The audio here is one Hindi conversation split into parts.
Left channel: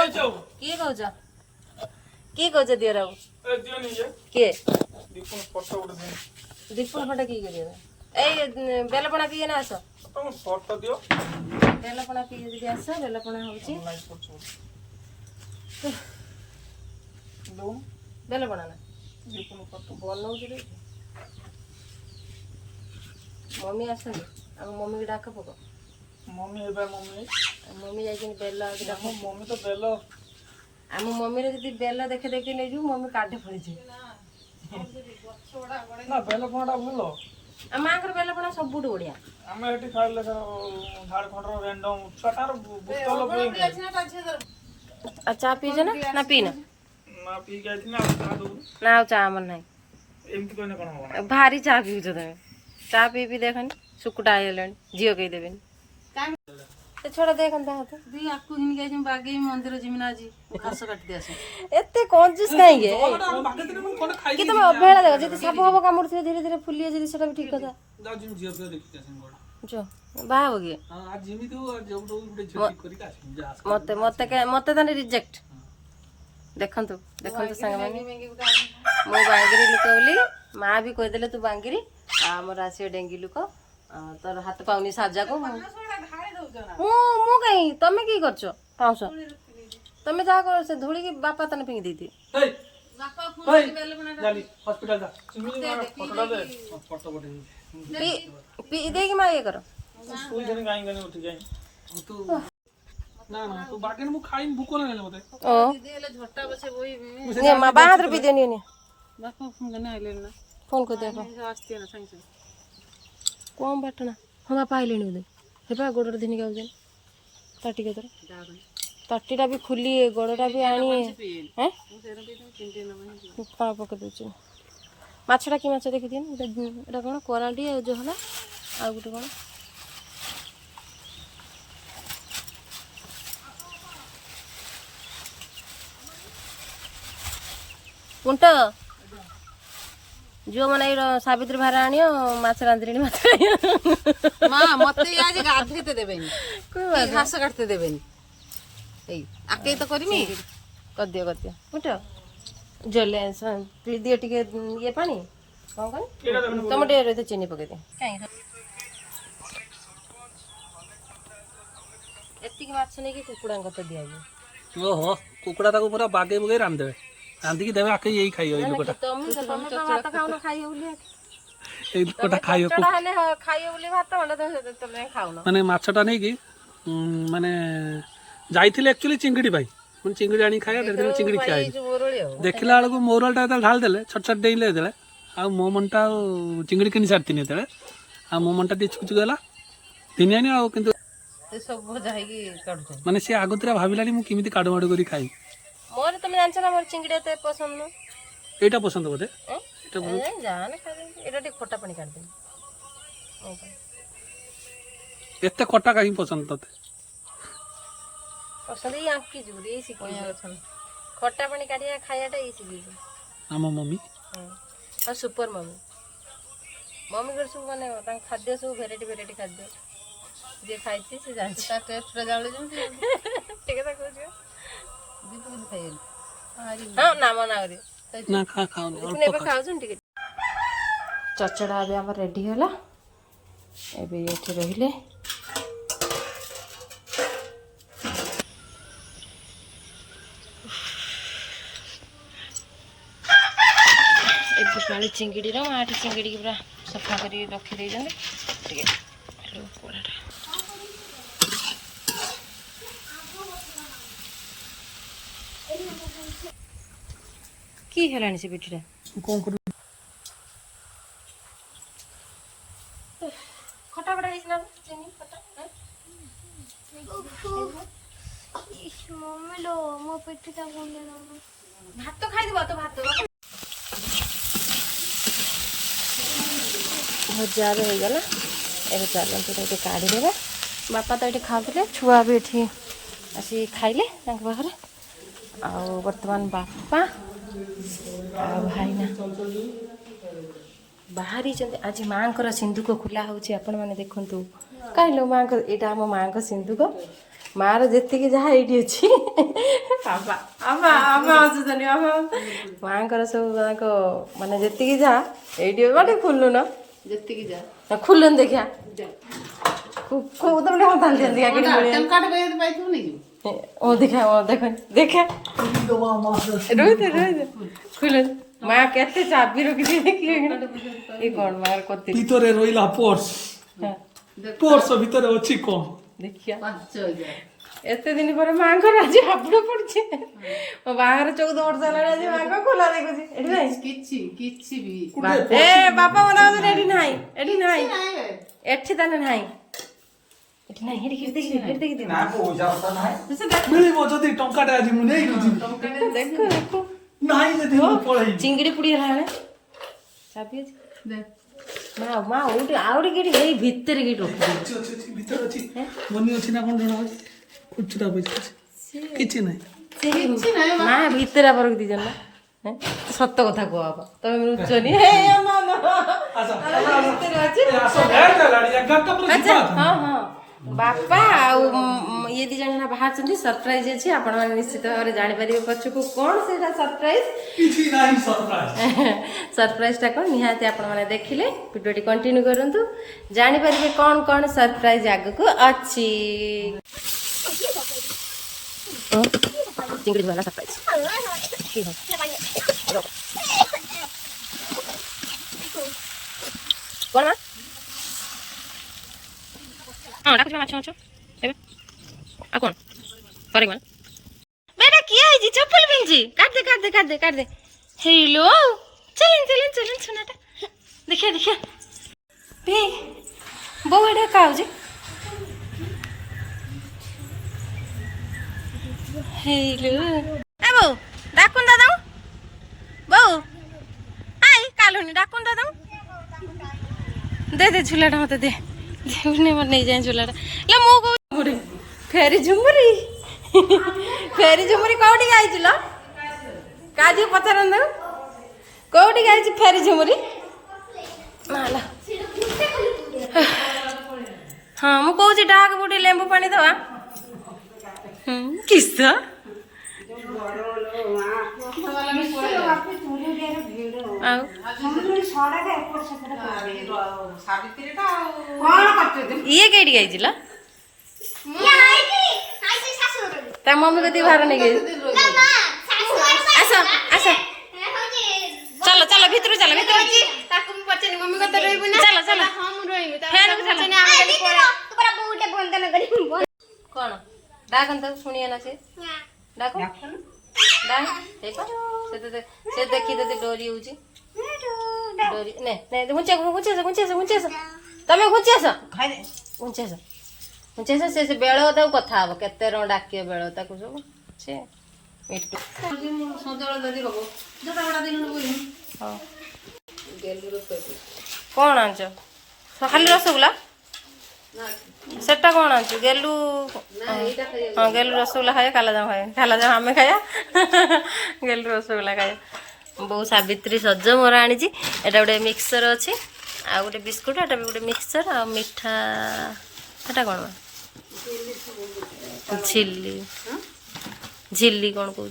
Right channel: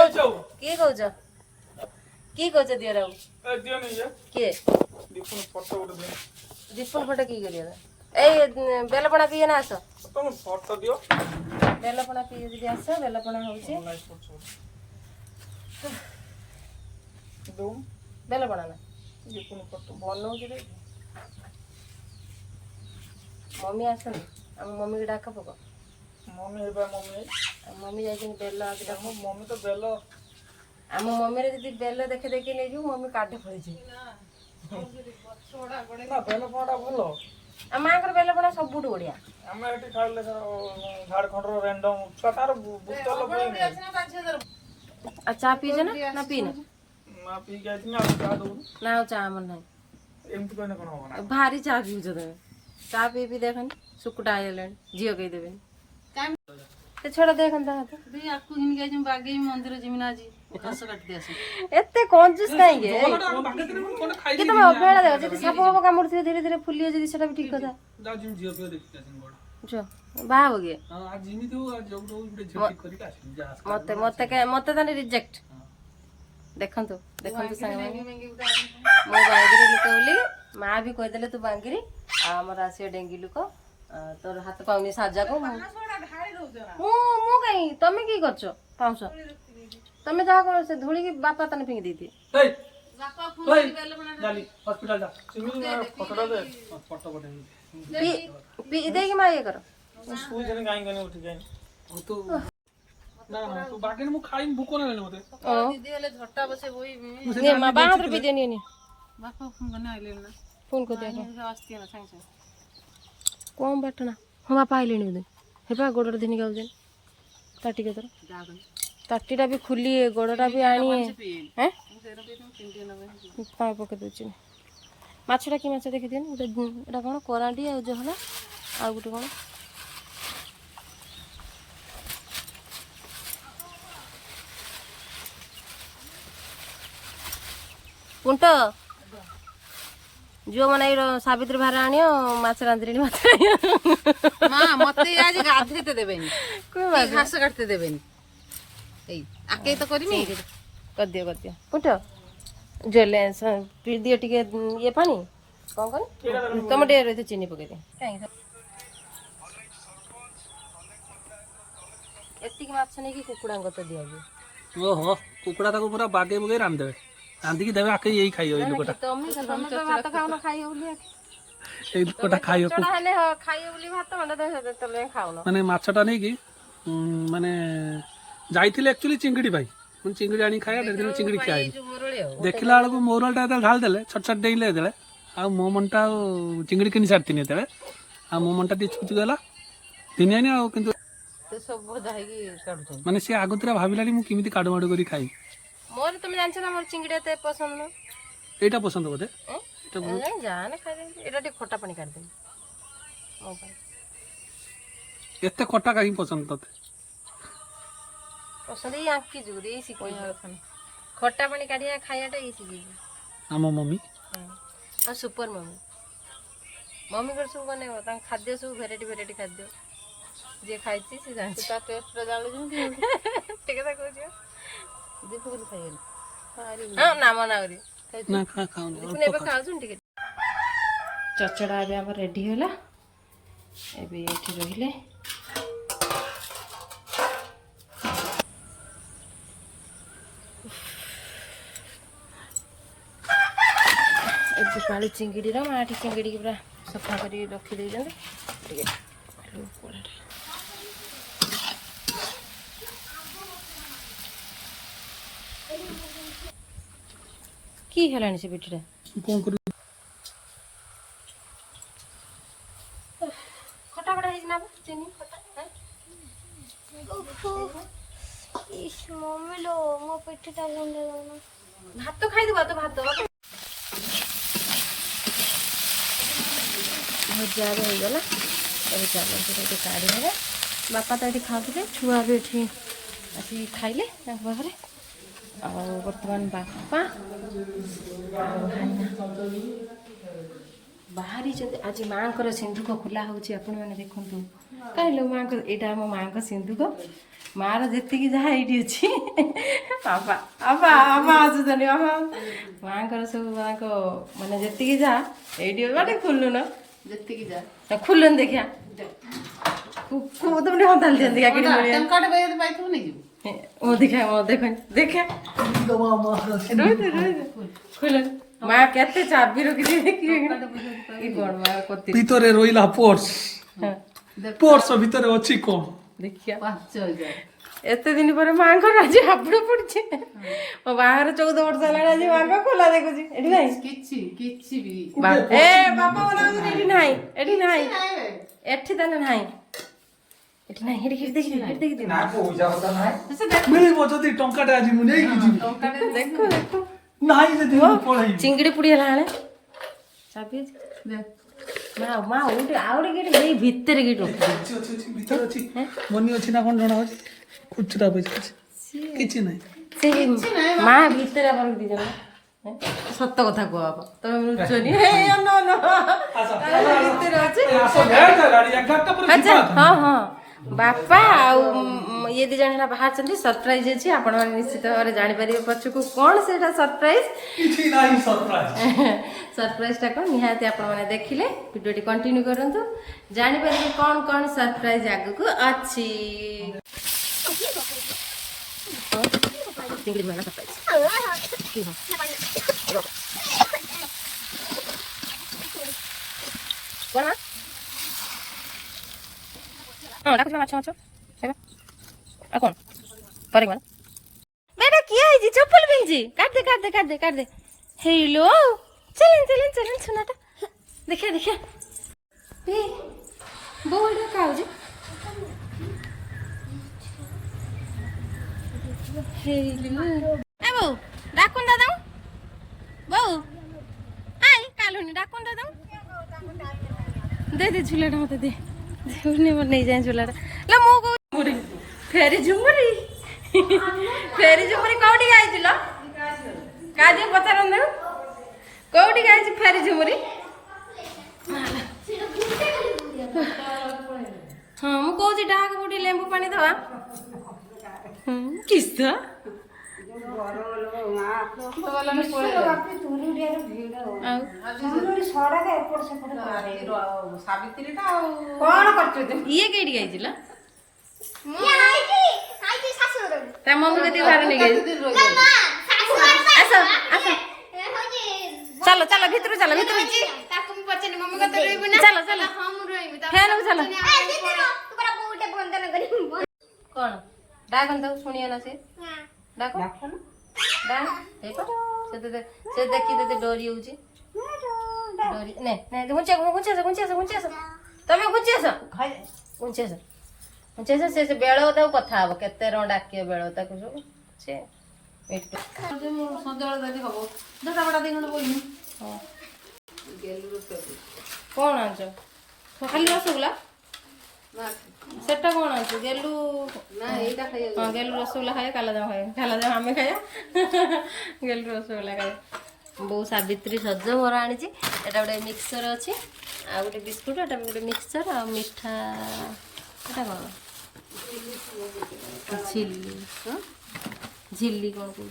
କିଏ କହୁଛ କିଏ କହୁଛ ଦିଅ ରାଉ କିଏ ଦୀପନ ଫଟୋ କିଏ କରିବା ଏଇ ବେଲପଣା ପିଏ ନା ଆସ ବେଲପଣା ପିଏ ଯଦି ଆସ ବେଲପଣା ହଉଛି ବେଲପଣା ନା ବନଉଛି ମମି ଆସନ୍ତି ଆମ ମମିକି ଡାକ ପକ ମମି ଯାଇଛନ୍ତି ବେଲ ଡାକ ମମି ତ ବେଲ ଆମ ମମିରେ ଯଦି ବେଲ ଦେଖେ ଦେଖି ନେଇଯିବୁ ମମି କାଠେ ଫଳିଯିବ ଆମ ମାଙ୍କର ବେଲପଣା ସବୁଠୁ ବଢିଆ ଆମେ ଏଠି ଖାଇଲେ ଝାଡଖଣ୍ଡର ରେଣ୍ଡମ ଛୋଟାର ବୋତଲ ଚା ପିଇଛ ନା ପିଇନା ନା ପିଇକି ଆଇଥିଲି ଆଉ ଚା ଦଉନି ନା ଆଉ ଚା ଆମର ନାହିଁ ଏମିତି କହିଲେ କଣ ହବ ଭାରି ଚା ପିଉଛ ତମେ ଚା ପିଇ ଦେଖନି ଶୁକୁଟା ହେଇଗଲାଣି ଝିଅ କେହି ଦେବେନି ସେ ଛଡା ଦେଖନି ତା ହାତ ଆକୁ ହିନି ଗାଇ ବାଗେଇ ମନ୍ଦିର ଜିମିନା ଆଜି ଘାସ କାଟି ଦିଆସ ଏତେ କଞ୍ଜୁସ କାହିଁକି କି ତମେ ଅବହେଳା ଦେଖ ଯଦି ସାପ ଫାପ କାମୁଡୁଥିବ ଧୀରେ ଧୀରେ ଫୁଲିବ ଯଦି ସେଟା ବି ଠିକ କଥା ବାହା ହବ କି ମତେ ତାହେଲେ ରିଜେକ୍ଟ ଦେଖନ୍ତୁ ଦେଖନ୍ତୁ ସାଙ୍ଗମାନେ ମୋ ବାଙ୍ଗିରି ଲୋକ ବୋଲି ମା ବି କହିଦେଲେ ତୁ ବାଙ୍ଗିରି ଆଉ ଆମର ଆସିବ ଡେଙ୍ଗି ଲୋକ ତୋର ହାତ ପାଉନି ସାଜାକୁ ମୁଁ କାହିଁ ତମେ କି କରୁଛ ପାଉଁଶ ତମେ ଯାହା କର ସେ ଧୂଳିକି ବାପା ତନେ ଫିଙ୍ଗି ଦେଇଥିବେ ଦେଇକି ମା ଇଏ କର ଫୋନ କଣ ବାଟଣା ହଁ ବାପା ଆଇଲେଣି ବୋଧେ ହେବା ଗୋଡଟା ଦିନିକି ଆଉଛନ୍ତି ତାଟି କେତର ତାଟିଟା ବି ଖୋଲି ଗୋଡଟା ବି ଆଣି ପାଣି ପକେଇ ଦଉଛି ମାଛଟା କି ମାଛ ଦେଖିଦିଅନି ଏଇଟା କଣ କରାଣ୍ଡି ଆଉ ଜହଲା ଆଉ ଗୋଟେ କଣ ପୁଣ୍ଟ जो मन सावित्री भार आण माछ रांधि माछ मत आज गाधे देवेनि घास काटते देवेनि आके तो करमी कर दियो पुट जले दिए टिके ये पानी कौन कर तुम टे चीनी पकई दे एतिक माछ नहीं कि कुकुड़ा तो दिया ओहो कुकुड़ा ताको पूरा बागे बुगे रांधे रांधिकी देवे आके यही खाइयो ए लोकटा तमे तो भात खाउन खाइयो बोली ए लोकटा खाइयो हाने खाइयो बोली भात अंडा तो तमे खाउन माने माछटा नै कि माने जाइथिले एक्चुअली चिंगड़ी भाई मन चिंगड़ी आनी खाया डेढ़ दिन चिंगड़ी खाई देखिला बेलू मोरलटा ढाल देले छट छट डेइले देले आ मो मनटा चिंगड़ी किनि सारतिनी देले आ मो मनटा टी छुक गला दिनियानी आ किंतु सब जाई काढुछ माने से आगुतरा भाबिलानी मु किमिति काडु माडु करी खाई मोर तुम जानछ ना मोर चिंगड़ी एते पसंद न एटा पसंद बोदे एटा जाने खाइ दे एटा टे खट्टा पानी काढ दे मो भाई एते खट्टा काहे पसंद तते पसंद ई आंकी जुरे ई सिखै छन खट्टा पानी काढिया खायाटा ई सिखै आम मम्मी और सुपर मम्मी मम्मी कर सब माने ता खाद्य सब वेराइटी खाद्य जे खाइछि से जानछि ता टेस्ट रे जाले जम ठीक है कहू छ बिल्कुल खाइ हां ना मना करी ना खा खाओ ने खाउ छन ठीक चचड़ा अब हम रेडी होला एबे एठी रहिले पाली चिंगड़ी माटी चिंगड़ी पूरा सफा कर रखी दे कि हेलानी से बेटीटा खटा बड़ा ना चीनी खटा इस मम्मी लो मो पेटटा गुंडा भात तो खाई दबा तो भात भजा हो गला ए चलते ये काढ़ीदे बापा तो ये खाते छुआ भी ये आस खाइले पाखे बर्तमान बापा भाईना बाहरी आज माँ को सिंधुक खोला हो देखु कहीं माँ यहाँ माँ को सिंधुक माँ री जहाँ ये अच्छी ବାପା ବାପା ବାପା ଆସୁଛନ୍ତି ବାପା ମାଆଙ୍କର ସବୁ ତାଙ୍କ ମାନେ ଯେତିକି ଯାହା ଏଇଠି ବାଟେ ଖୋଲୁନ ଯେତିକି ଯା ଖୋଲୁନି ଦେଖିଆ ତମେ ତାଲି ଦିଅନ୍ତି କିଣି ଓ ଦେଖା ଦେଖନି ଦେଖା ଖୋଲୁନି ମା କେତେ ଚାବି ରଖିଛି ଦେଖିବେ କି କଣ ମାର କତି ଭିତରେ ରହିଲା ପର୍ସ ପର୍ସ ଭିତରେ ଅଛି କଣ ଦେଖିଆ 5,000 ଏତେ ଦିନ ପରେ ମାଙ୍କର ଆଜି ହାବୁଡ ପଡିଛି ମୋ ବାହାଘର 14 ବର୍ଷ ହେଲାଣି ଆଜି ମାଙ୍କ ଖୋଲା ଦେଖୁଛି ଏଠି ନାହିଁ କିଛି ବି ଏ ବାପା ମନା କରୁଛନ୍ତି ଏଠି ନାହିଁ ଏଠି ନାହିଁ ଏଠି ତାହେଲେ ନାହିଁ ଏଠି ନାହିଁ ଏଠି ଦେଖି ମିଳିବ ଯଦି ଟଙ୍କାଟେ ଆଜି ମୁଁ ନେଇକି ଯିବି ଦେଖ ଦେଖ ନାହିଁ ଯଦି ମୁଁ ପଳେଇବି ଚିଙ୍ଗିଡି ପୁଡି ହେଲା ବେଳେ ଚାବି ଅଛି ମା ମା ଆଉ ଟିକେ ହେଇ ଭିତରେ କି ରଖିଦେବି ଅଛି ଭିତରେ ଅଛି ମନି ଅଛି ନା କଣ ଜଣା ହଉଛି খুচরা পয়সা আছে କିଛି ନାହିଁ ସେ ମା ଭିତରେ ବରକୁ ଦି ଜଣ ସତ କଥା କୁହ ବାପା ତମେ ଲୁଚନି ଭିତରେ ଅଛି ଆଚ୍ଛା ହଁ ହଁ ବାପା ଆଉ ଇଏ ଦି ଜଣ ବାହାରିଛନ୍ତି ସରପ୍ରାଇଜ ଅଛି ଆପଣମାନେ ନିଶ୍ଚିତ ଭାବରେ ଜାଣିପାରିବେ ପଛକୁ କ'ଣ ସେଇଟା ସରପ୍ରାଇଜ ସରପ୍ରାଇଜଟା କ'ଣ ନିହାତି ଆପଣମାନେ ଦେଖିଲେ ଭିଡ଼ିଓଟି କଣ୍ଟିନ୍ୟୁ କରନ୍ତୁ ଜାଣିପାରିବେ କ'ଣ କ'ଣ ସରପ୍ରାଇଜ ଆଗକୁ ଅଛି चिंगड़ी वाला सरप्राइज कौन हां डाकुछ माछ माछ हेबे आ कौन करे कोन बेटा किया है जी चप्पल पिंजी काट दे हेलो चलन सुनाटा देखिए बे बो एडा काउ जी हेलो ए बो डाकुन दादा बो आई कालुनी डाकुन दादा दे झूलाटा मत दे उन्हें मत नहीं जाए झूलाटा ला मो को फेरी झुमरी कोठी गाइछ लो काजी पचारन कोठी गाइछ फेरी झुमरी माला हां मु कहूची डाक बुटी लेंबू पानी दवा किस्सा ये केडी गई जिला ता मम्मी कति बाहर नहीं गई आसा आसा चलो चलो भीतर चलो भीतर ताको मु पछनी मम्मी को तो रहबो ना चलो चलो हां मु रहबो फैन को चलो तोरा बहुटे बंधन करी कोन डाकन तो सुनिया ना से डाक डाक देखो से देखी दे डोरी होची डोरी ने ने गुचे तमे गुचे खाइ दे गुचे से बेळो त कथा हबो केते रो डाकियो बेळो ताकू जो से एटू संदळ जदी हबो जटा बडा दिन बोइनी हां गेलु रसगुल्ला कोन आंचो खाली रसगुल्ला सेटा कौन आंचु गेलु हाँ गेलु रसगुल्ला खाया काला जाम आमे खाया गेलु रसगुल्ला खाया बो सावित्री सज मोर आनी एटा गोटे मिक्सचर अच्छी आ गोटे बिस्कुट एटा भी गोटे मिक्सचर आ मिठा एटा कौन झिल्ली झिल्ली कौन कहूँ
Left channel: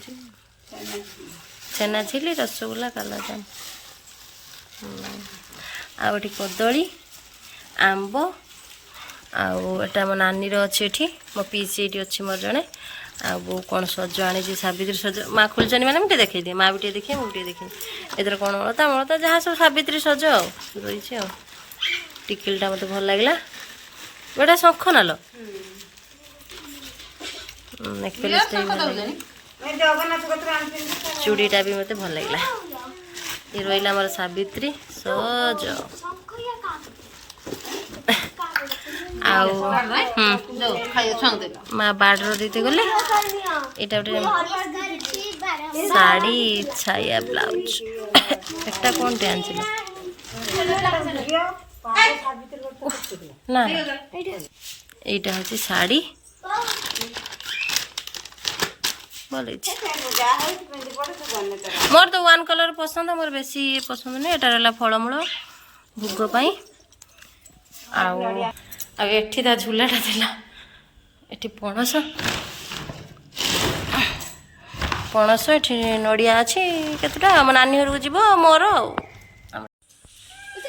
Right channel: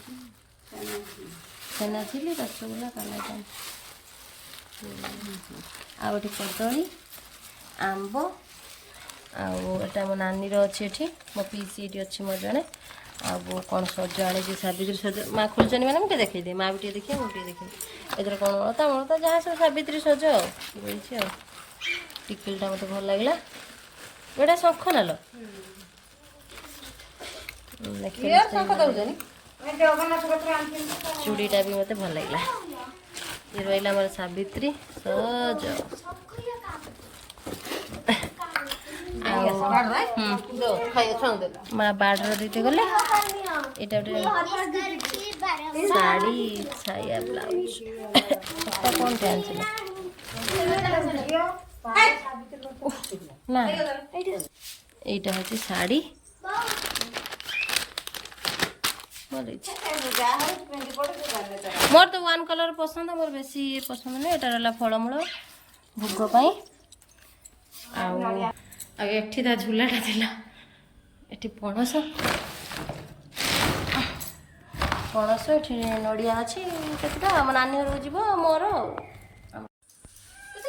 छेना झिल्ली रसगुल्ला काला जाम आ गोटे कदली आंब आटा मो नानी अच्छी एठी मो पीसी ये अच्छी मोर जड़े आ कौन सज आनी सावित्री सज माँ खोलचनी मैंने मुझे देखी दिए माँ भी टे देखिए मुझे देखी एथर कौन मलता जहाँ सब सावित्री सज रही टिकिलटा मत भल लगे गोटा शंख नाल चूड़ीटा भी मत भल लगे ये रहा मोर सावित्री सज माँ बाड़र देते गले यहाँ गोटे शाड़ी छाया ब्लाउज एक कौन टे आन ना यहाँ हूँ शाड़ी भल मोर तो वन कलर पसंद मोर बेसी पसंद नहीं एटा रहा फलमूल भोग पाई एठी ता झूलाटा थिला एठी पणस ପଣସ ଏଠି ନଡ଼ିଆ ଅଛି କେତେଟା ଆମ ନାନୀ ଘରକୁ ଯିବ ମୋର ଆଉ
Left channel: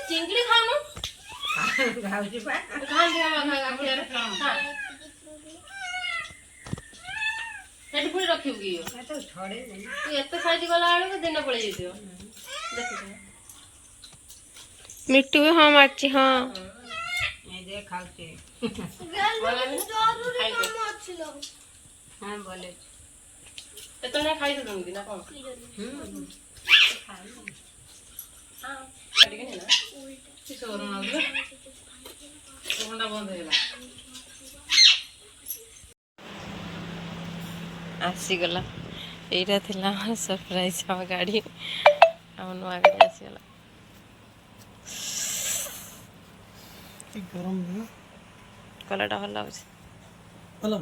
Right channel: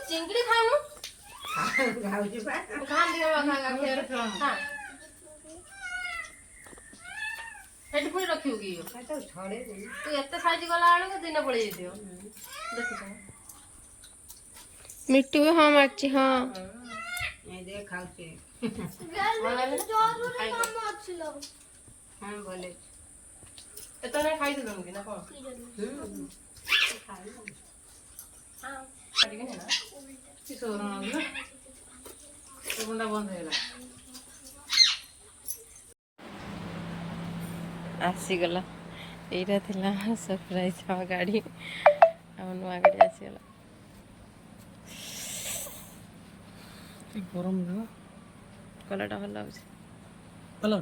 ଚିଙ୍ଗୁଡ଼ି ଖାଇନୁ ସେଠି ପୁଣି ରଖିବୁ କି ତୁ ଏତେ ସାଇଜ ଗଲା ବେଳକୁ ଦିନ ପଳେଇ ଯାଇଥିବ ଦେଖୁଛ ମିଟୁ ବି ହଁ ମାରିଛି ହଁ କେତେବେଳେ ଖାଇଦେଲୁ କି ନା କଣ ଆସିଗଲା ଏଇଟା ଥିଲା ଆମର ସରପ୍ରାଇଜ ଆମ ଗାଡ଼ି ଆମ ନୂଆ ଗାଡ଼ି ଆସିଗଲା ଗରମ କଲରଟା ଭଲ ଲାଗୁଛି ଭଲ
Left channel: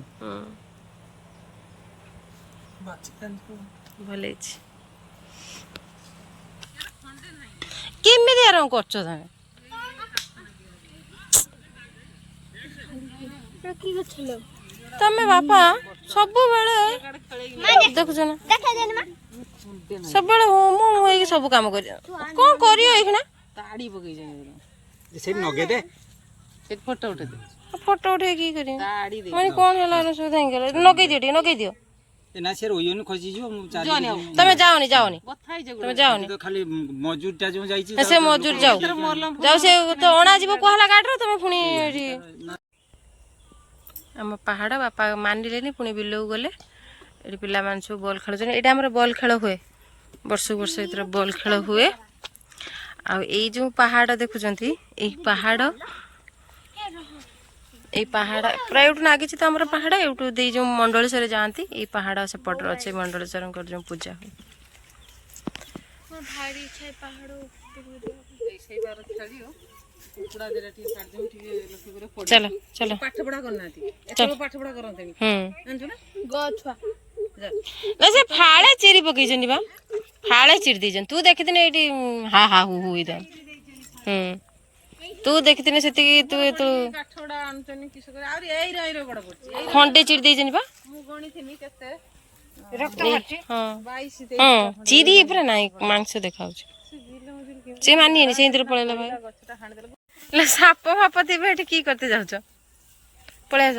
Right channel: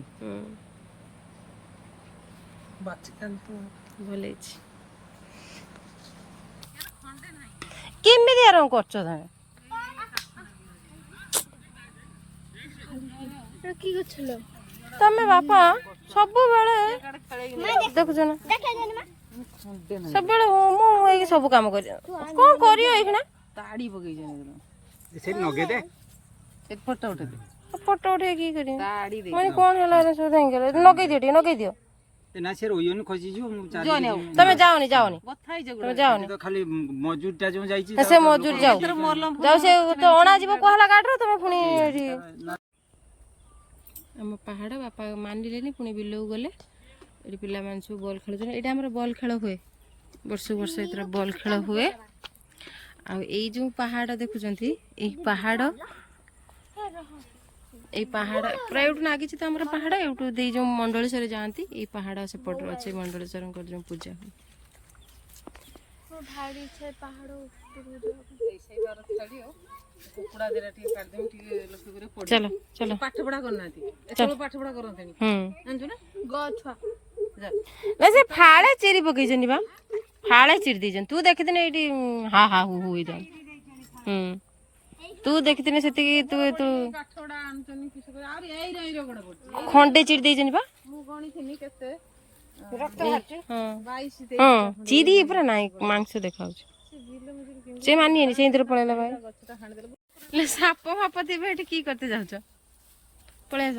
ଭଲ ହେଇଛି କେମିତି ଆରମ୍ଭ କରୁଛ ତମେ ତମେ ବାପା ସବୁବେଳେ ଦେଖୁଛ ନା ସବୁବେଳେ ମୁଁ ହେଇକି ସବୁ କାମ କରିବ କଣ କରିବ ଏଇଖିଣା ତାଡ଼ି ପକେଇଛ ସେଇଠି ନଗେଇଦେ ଫଟୋ ଉଠେଇ କି କରିବ ମାନେ କଣ ହେଲା ସୁବିଧା ହେଇଗଲା ନଗେଇ ଦିଅ ଟିକେ ନଗେଇ ଦିଅ ନା ସେ ରହିବନି ଖସିଯିବ ମୁଁ ତମେ ଯାଅନି ତମେ ଯାଅନି ଖାଲି ମଜୁରଟା ଯୋଉ ଯାଇଛି ସେ ମଜୁର ଯାଉ ସେ ତ ଅଣା ଯିବ କୁହାଲା ଗାଡ଼ିରେ ତମେ ପୁଣି ଏଠି ଆମ ପାହାଡ଼ ବାପା ମାନିଲେନି ପୁଣି ବିଲକୁ ଗଲେ ଏଠି ପିଲାମାନେ ସବୁ ବଲ୍ ଖେଳୁଛନ୍ତି ଏଇଟା ଆମର ବଲ୍ ଖେଳ ହୁଏ ବର୍ଷକୁ ବର୍ଷ ଏଥିରେ ବଲ୍ ଖେଳ ହୁଏ ଆଉ ଏଇ ଯେଉଁ ପାହାଡ଼ ଦେଖୁଛନ୍ତି ଏଇ ପାହାଡ଼ ପୁରା ଏଇଠୁ ନାଗିଛି ତ ଆମର ପାହାଡ଼ ଏଇଠୁ ଦେଇ ଯେଉଁ ମଣ୍ଡଳେଶ୍ୱର ଯାଆନ୍ତି ଏଇ ପାହାଡ଼ ସେପଟରେ ଅଛି ମଣ୍ଡଳେଶ୍ୱରଙ୍କର ଯେଉଁ ପୂଜା ହୁଏ ଚାଲ ଚାଲ ନା ସେ ଫାଳେ ଚିରି ପକେଇଛନ୍ତି ବା ଫାଳେ ଚିରି ଦେଇଛନ୍ତି ତୁ ଦେଖିଥିନେ ଏଇଠି ହା ହା ହୁ ହୁ ହେଇଥା ତୁ ଦେଖିଥିନେ ସେତିକି ତୁ ଖଣ୍ଡେ ଚିରି ଦେଇଛନ୍ତି ବା ହଁ ଚିରି ପୁରା ନାଇଁ ମାଂସ ଦେଖାଉଛି ସେ ମାନିଏନି ସେଇଥିରେ ପଳେଇଲା ଭାଇ ସାପ ଫାପ ଥିବେ ଏଠି କି କରତେ ଯାଉଛ ପଳେଇ ଆସ